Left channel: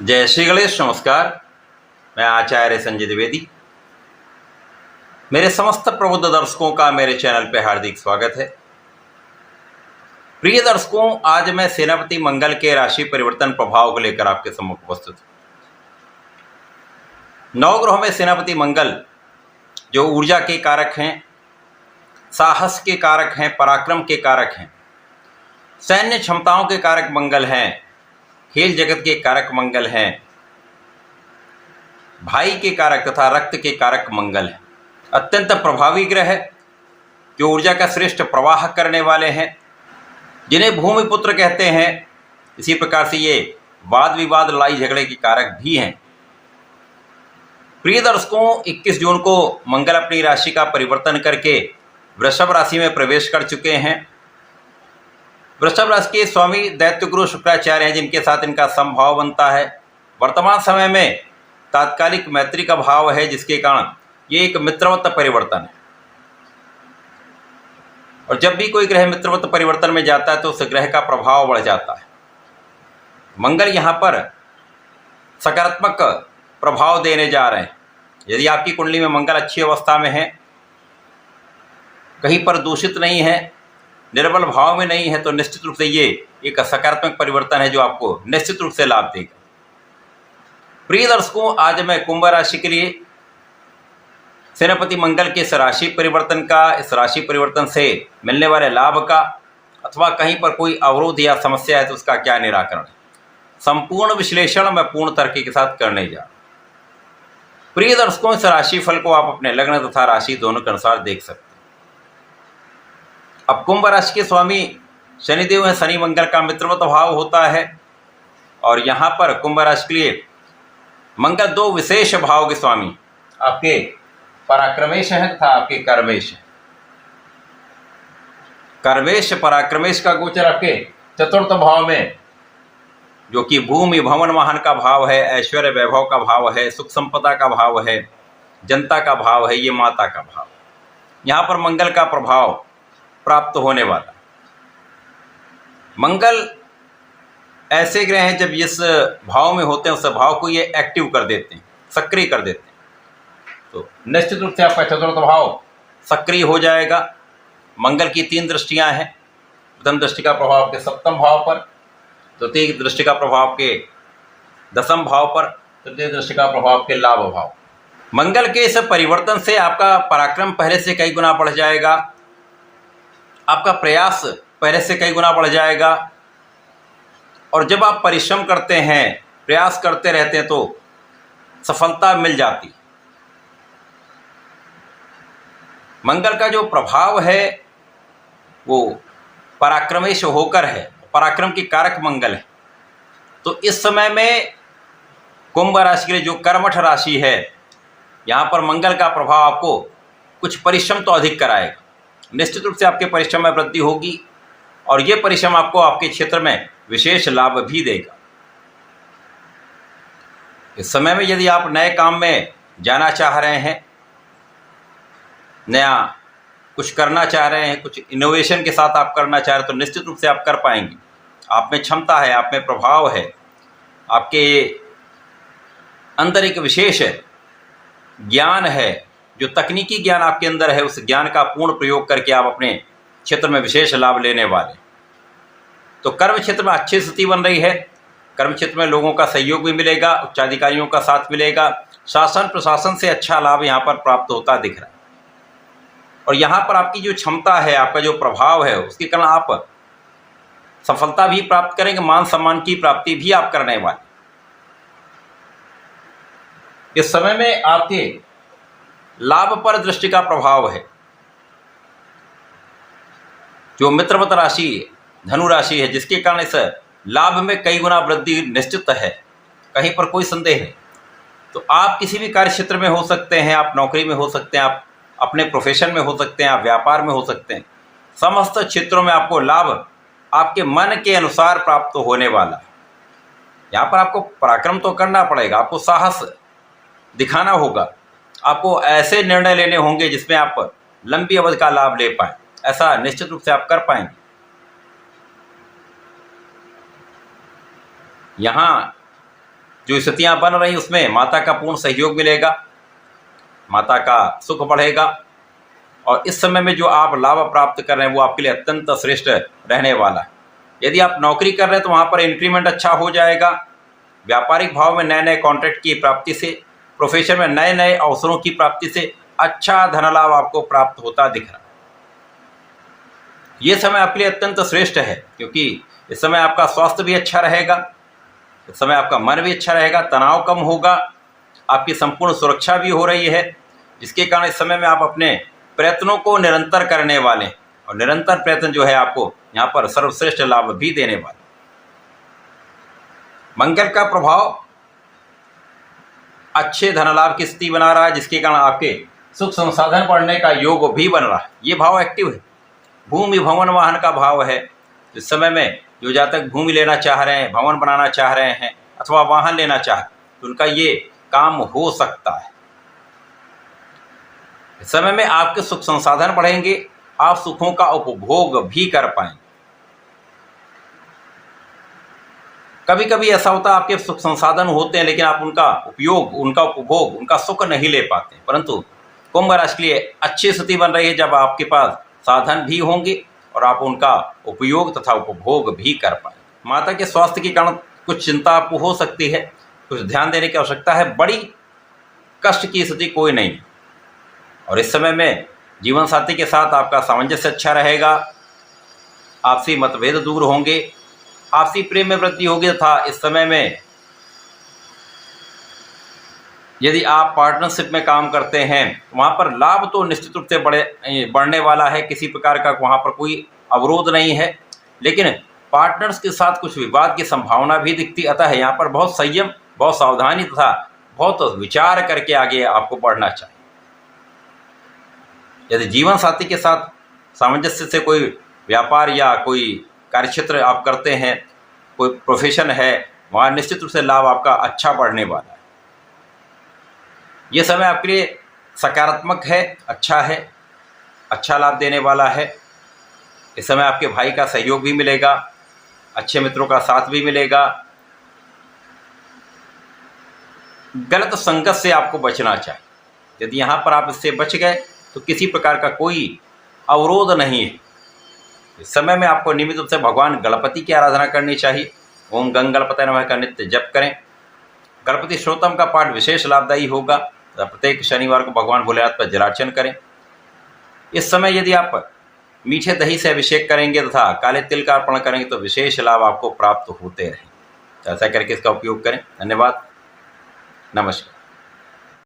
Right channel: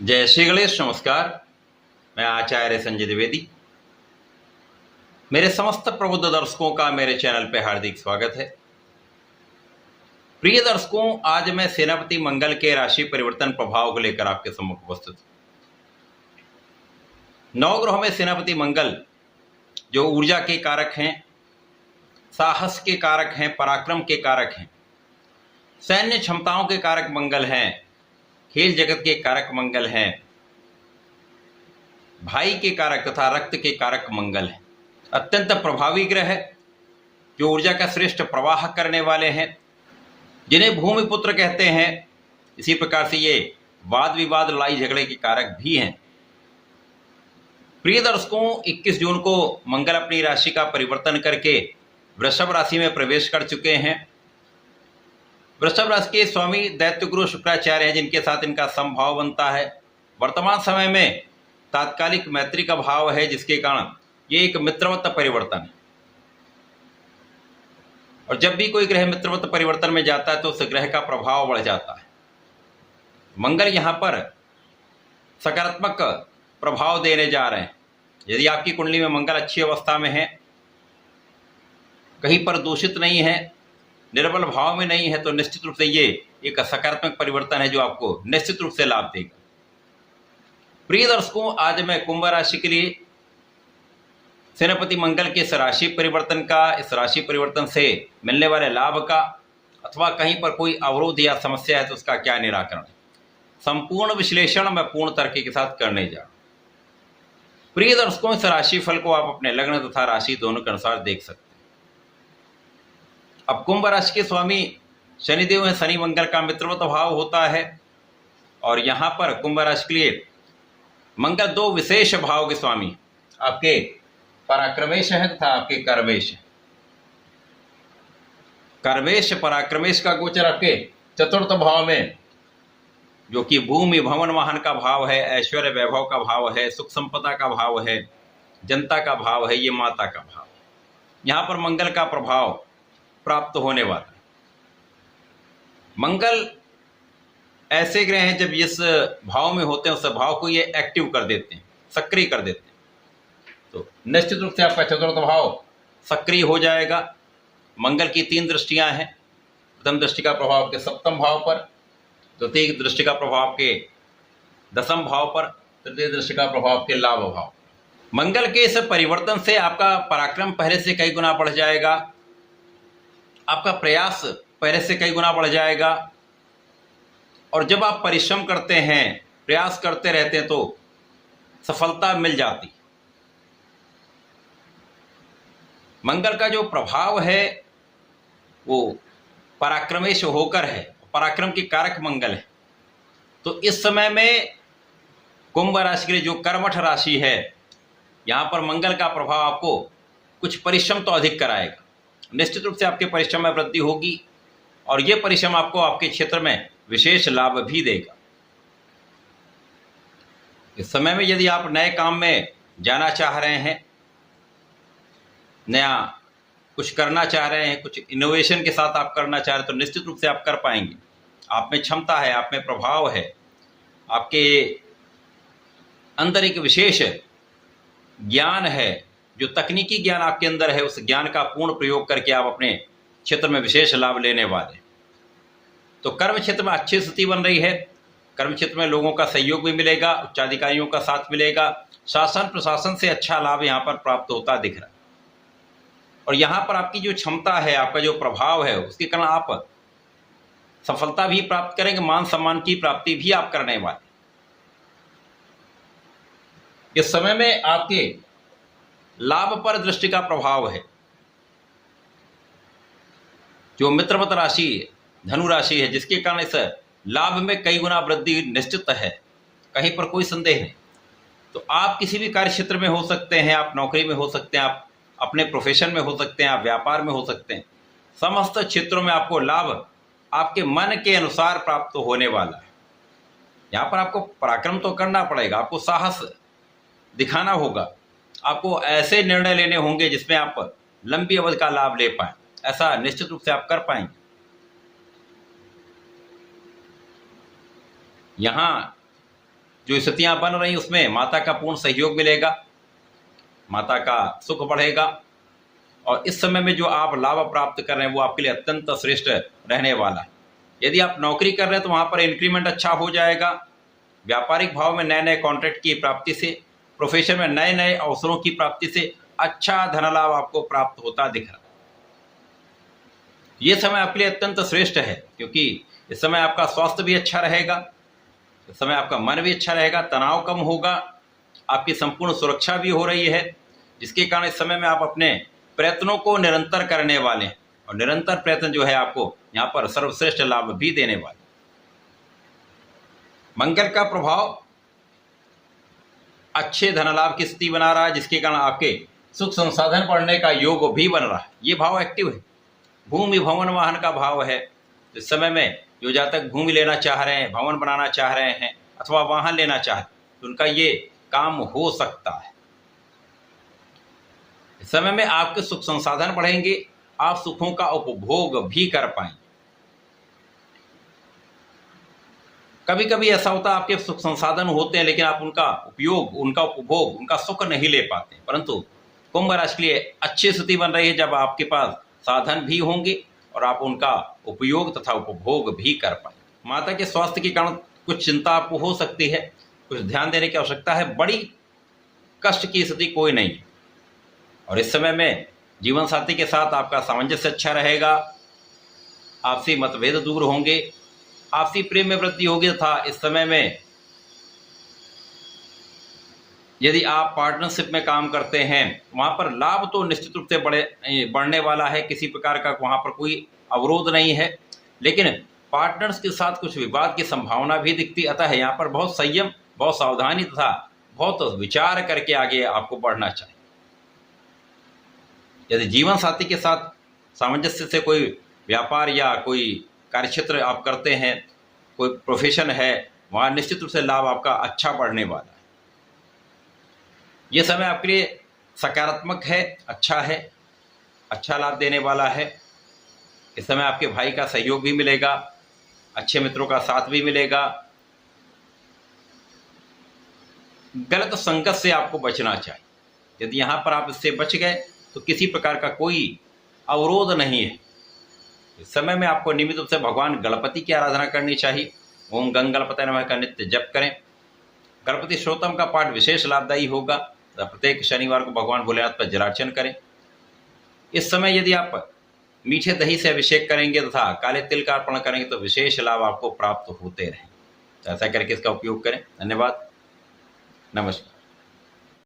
जय श्री गणेश। नमस्कार। मैं आचार्य संजय द्विवेदी। मेरे समस्त प्रबुद्ध दर्शकों का मेरे चैनल पे हार्दिक स्वागत है। प्रिय दर्शकों, आज मैं सेनापति मंगल के राशि परिवर्तन प्रभाव को लेकर आपके सम्मुख उपस्थित हूं। नवग्रहों में सेनापति मंगल जो ऊर्जा के कारक हैं, साहस के कारक हैं, पराक्रम के कारक हैं, सैन्य क्षमताओं के कारक मंगल हैं, खेल जगत के कारक मंगल हैं, भाई के कारक तथा रक्त के कारक मंगल हैं। अत्यंत प्रभावी ग्रह जो ऊर्जा का श्रेष्ठ प्रवाह करने वाले हैं, जिन्हें भूमि पुत्र कहते हैं। इसी प्रकार से ये वाद विवाद, लड़ाई झगड़े के कारक भी हैं। प्रिय दर्शकों, 21 जून को मंगल अपनी राशि का परिवर्तन करके वृषभ राशि में प्रवेश कर चुके हैं। वृषभ राशि के स्वामी दैत्य गुरु शुक्राचार्य हैं, जिनके साथ इनका समभाव बनता है। वर्तमान समय में तात्कालिक मैत्री का भाव है, जिसके कारण ये एक मित्रवत परिवर्तन है। और जब भी कोई ग्रह मित्रवत परिवर्तन में जाता है तो उस ग्रह का प्रभाव बढ़ जाता है। मंगल यहाँ पर सकारात्मक प्रभाव देने जा रहे हैं। यदि आपकी कुंडली में मंगल अच्छी अवस्था में है, कहीं पर दूषित नहीं है, निर्बल भाव में नहीं है, तो निश्चित रूप से ये एक सकारात्मक परिवर्तन है जो आपको निश्चित रूप से लाभ देगा। प्रिय दर्शकों, आज मैं कुंभ राशि के लिए सेनापति मंगल के इस राशि परिवर्तन का, इस राशि परिवर्तन से मिलने वाले लाभ का, अथवा कहीं पर कोई अवरोध या समस्या है तो उसका क्या निराकरण है, संपूर्ण विश्लेषण मैं पूर्ण तर्क के साथ करने जा रहा हूं। प्रिय दर्शकों, इस राशि फल को आप अपने लग्न तथा राशि दोनों के अनुसार देख सकते हैं। अब कुंभ राशि के स्वामी शनिदेव है। शनि मंगल का मित्रवत भाव होता है और यहाँ पर कुंभ राशि के लिए मंगल दो विशेष भाव के स्वामी, आपके पराक्रमेश हैं तथा आपके कर्मेश हैं। कर्मेश पराक्रमेश का गोचर आपके चतुर्थ भाव में, जो कि भूमि भवन वाहन का भाव है, ऐश्वर्य वैभव का भाव है, सुख संपदा का भाव है, जनता का भाव है, ये माता का भाव है। यहाँ पर मंगल का प्रभाव प्राप्त होने वाला। मंगल ऐसे ग्रह हैं, जब जिस भाव में होते हैं उस भाव को ये एक्टिव कर देते हैं, सक्रिय कर देते हैं। तो निश्चित रूप से आपका चतुर्थ भाव सक्रिय हो जाएगा। मंगल की 3 दृष्टियां हैं। प्रथम दृष्टि का प्रभाव आपके सप्तम भाव पर, द्वितीय दृष्टि का प्रभाव आपके दसम भाव पर, तृतीय दृष्टि का प्रभाव आपके लाभ भाव। मंगल के इस परिवर्तन से आपका पराक्रम पहले से कई गुना बढ़ जाएगा, आपका प्रयास पहले से कई गुना बढ़ जाएगा। और जब आप परिश्रम करते हैं, प्रयास करते रहते हैं, तो सफलता मिल जाती। मंगल का जो प्रभाव है वो पराक्रमेश होकर है, पराक्रम की कारक मंगल है। तो इस समय में कुंभ राशि के लिए जो कर्मठ राशि है, यहाँ पर मंगल का प्रभाव आपको कुछ परिश्रम तो अधिक कराएगा। निश्चित रूप से आपके परिश्रम में वृद्धि होगी और ये परिश्रम आपको आपके क्षेत्र में विशेष लाभ भी देगा। इस समय में यदि आप नए काम में जाना चाह रहे हैं, नया कुछ करना चाह रहे हैं, कुछ इनोवेशन के साथ आप करना चाह रहे हैं, तो निश्चित रूप से आप कर पाएंगे। आप में क्षमता है, आप में प्रभाव है, आपके अंदर एक विशेष ज्ञान है, जो तकनीकी ज्ञान आपके अंदर है, उस ज्ञान का पूर्ण प्रयोग करके आप अपने क्षेत्र में विशेष लाभ लेने वाले। तो कर्म क्षेत्र में अच्छी स्थिति बन रही है। कर्म क्षेत्र में लोगों का सहयोग भी मिलेगा, उच्चाधिकारियों का साथ मिलेगा, शासन प्रशासन से अच्छा लाभ यहाँ पर प्राप्त होता दिख रहा है। और यहाँ पर आपकी जो क्षमता है, आपका जो प्रभाव है, उसके कारण आप सफलता भी प्राप्त करेंगे, मान सम्मान की प्राप्ति भी आप करने वाले। इस समय में आपके लाभ पर दृष्टि का प्रभाव है। जो मित्रवत राशि धनु राशि है, जिसके कारण इस लाभ में कई गुना वृद्धि निश्चित है, कहीं पर कोई संदेह नहीं। तो आप किसी भी कार्य क्षेत्र में हो सकते हैं, आप नौकरी में हो सकते हैं, आप अपने प्रोफेशन में हो सकते हैं, आप व्यापार में हो सकते हैं। समस्त क्षेत्रों में आपको लाभ आपके मन के अनुसार प्राप्त होने वाला है। यहाँ पर आपको पराक्रम तो करना पड़ेगा, आपको साहस दिखाना होगा, आपको ऐसे निर्णय लेने होंगे जिसमें आप लंबी अवधि का लाभ ले पाए। ऐसा निश्चित रूप से आप कर पाएंगे। यहाँ जो स्थितियां बन रही उसमें माता का पूर्ण सहयोग मिलेगा, माता का सुख बढ़ेगा और इस समय में जो आप लाभ प्राप्त कर रहे हैं वो आपके लिए अत्यंत श्रेष्ठ रहने वाला है। यदि आप नौकरी कर रहे हैं तो वहाँ पर इंक्रीमेंट अच्छा हो जाएगा। व्यापारिक भाव में नए नए कॉन्ट्रैक्ट की प्राप्ति से, प्रोफेशन में नए नए अवसरों की प्राप्ति से अच्छा धन लाभ आपको प्राप्त होता दिख रहा है। ये समय आपके लिए अत्यंत श्रेष्ठ है, क्योंकि इस समय आपका स्वास्थ्य भी अच्छा रहेगा, इस समय आपका मन भी अच्छा रहेगा, तनाव कम होगा, आपकी संपूर्ण सुरक्षा भी हो रही है, जिसके कारण इस समय में आप अपने प्रयत्नों को निरंतर करने वाले हैं और निरंतर प्रयत्न जो है आपको यहाँ पर सर्वश्रेष्ठ लाभ भी देने वाले। मंगल का प्रभाव अच्छे धन लाभ की स्थिति बना रहा है, जिसके कारण आपके सुख संसाधन बढ़ने का योग भी बन रहा है। ये भाव एक्टिव है, भूमि भवन वाहन का भाव है। इस समय में जो जातक भूमि लेना चाह रहे हैं, भवन बनाना चाह रहे हैं अथवा वाहन लेना चाह रहे हैं, तो उनका ये काम हो सकता है। इस समय में आपके सुख संसाधन बढ़ेंगे, आप सुखों का उपभोग भी कर पाएंगे। कभी कभी ऐसा होता है आपके सुख संसाधन होते हैं लेकिन आप उनका उपयोग, उनका उपभोग, उनका सुख नहीं ले पाते, परंतु कुंभ राशि के लिए अच्छी स्थिति बन रही है जब आपके पास साधन भी होंगे और आप उनका उपयोग तथा उपभोग भी कर पाएंगे। माता के स्वास्थ्य के कारण कुछ चिंता आपको हो सकती है, कुछ ध्यान देने की आवश्यकता है। बड़ी कष्ट की स्थिति कोई नहीं और इस समय में जीवन साथी के साथ आपका सामंजस्य अच्छा रहेगा, आपसी मतभेद दूर होंगे, आपसी प्रेम में वृद्धि होगी तथा इस समय में यदि आप पार्टनरशिप में काम करते हैं वहाँ पर लाभ तो निश्चित रूप से बढ़ने वाला है। किसी प्रकार का वहाँ पर कोई अवरोध नहीं है, लेकिन पार्टनर्स के साथ कुछ विवाद की संभावना भी दिखती, अतः यहाँ पर बहुत संयम, बहुत सावधानी तथा बहुत विचार करके आगे आपको बढ़ना चाहिए। यदि जीवन साथी के साथ सामंजस्य से कोई व्यापार या कोई कार्यक्षेत्र आप करते हैं, कोई प्रोफेशन है, वहाँ निश्चित रूप से लाभ आपका अच्छा बढ़ने वाला है। ये समय आपके लिए सकारात्मक है, अच्छा है, अच्छा लाभ देने वाला है। इस समय आपके भाई का सहयोग भी मिलेगा, अच्छे मित्रों का साथ भी मिलेगा। गलत संगत से आपको बचना चाहिए। यदि यहाँ पर आप इससे बच गए तो किसी प्रकार का कोई अवरोध नहीं है। इस समय में आपको नियमित रूप से भगवान गणपति की आराधना करनी चाहिए। ओम गंग गणपतये नमः का नित्य जप करें। गणपति श्रोतम का पाठ विशेष लाभदायी होगा। प्रत्येक शनिवार को भगवान भोलेनाथ पर जलार्चन करें। इस समय यदि आप मीठे दही से अभिषेक करेंगे तथा काले तिल का अर्पण करेंगे तो विशेष लाभ आपको प्राप्त होते रहें। ऐसा करके इसका उपयोग करें। धन्यवाद, नमस्कार।